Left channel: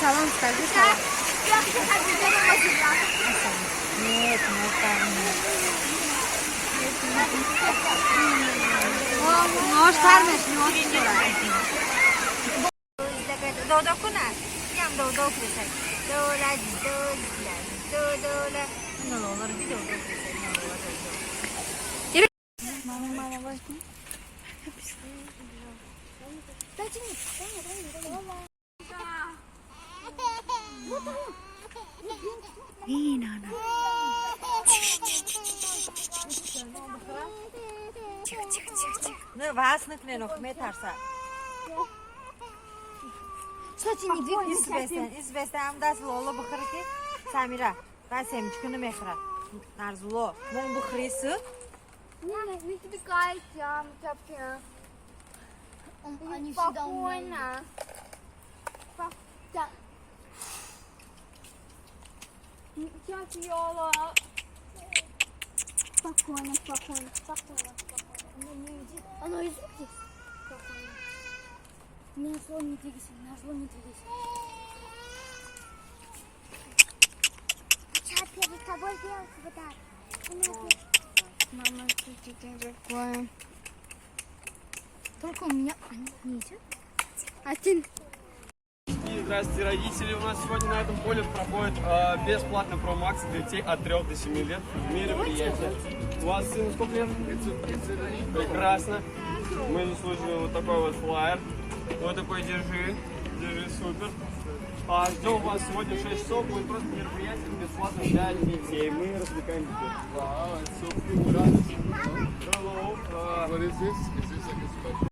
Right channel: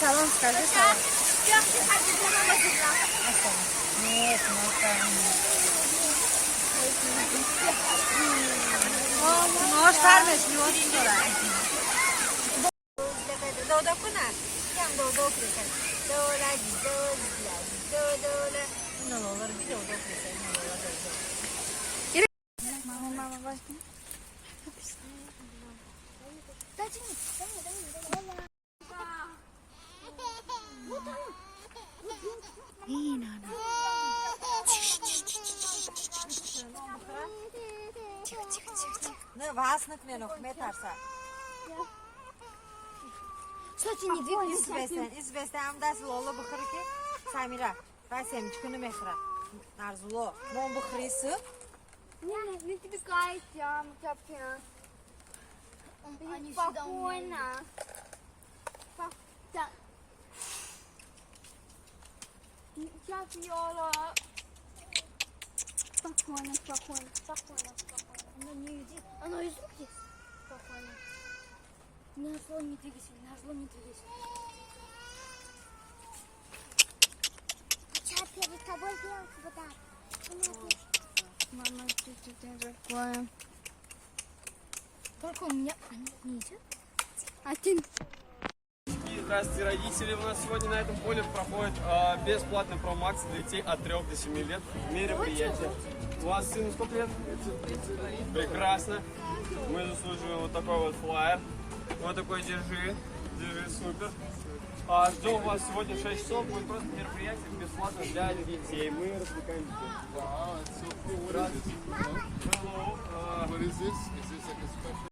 Салон, скажи салон. Нет, может, садись, не может. Мама, возьми. İyi nana. Çık. Ne vasnık ne nok metarsa. Saçın gidiyor. İzbesen das lolo bıkırı ki Samira. Ben semçkünü mehra. Narzulo. Mon bıkırısı. Не отвлекайся, Тяпя. Они Спокойно. Тяпьёла. Спокойно. Оно не идет. Оно идет. Спокойно. На зло не двигайся. Тяпья, за тобой белка вот так. Мама, что ты такое? Только у меня не идет. Один. Здравствуйте, родители. У нас сегодня на этом поле проходит бесплатно промоакция для детей от 3 до 7 лет. Мероприятие. У вас сыну сколько лет? 30. Прекрасно. Мы заслужили вот такой вот флаер. Вот такой держи, супер. Ждем вас сегодня в 6 часов. Будет просто мероприятие бесплатно для детей. Мы развлекаем детей. Wow, it's so cool. Hello. What is this? Is this like a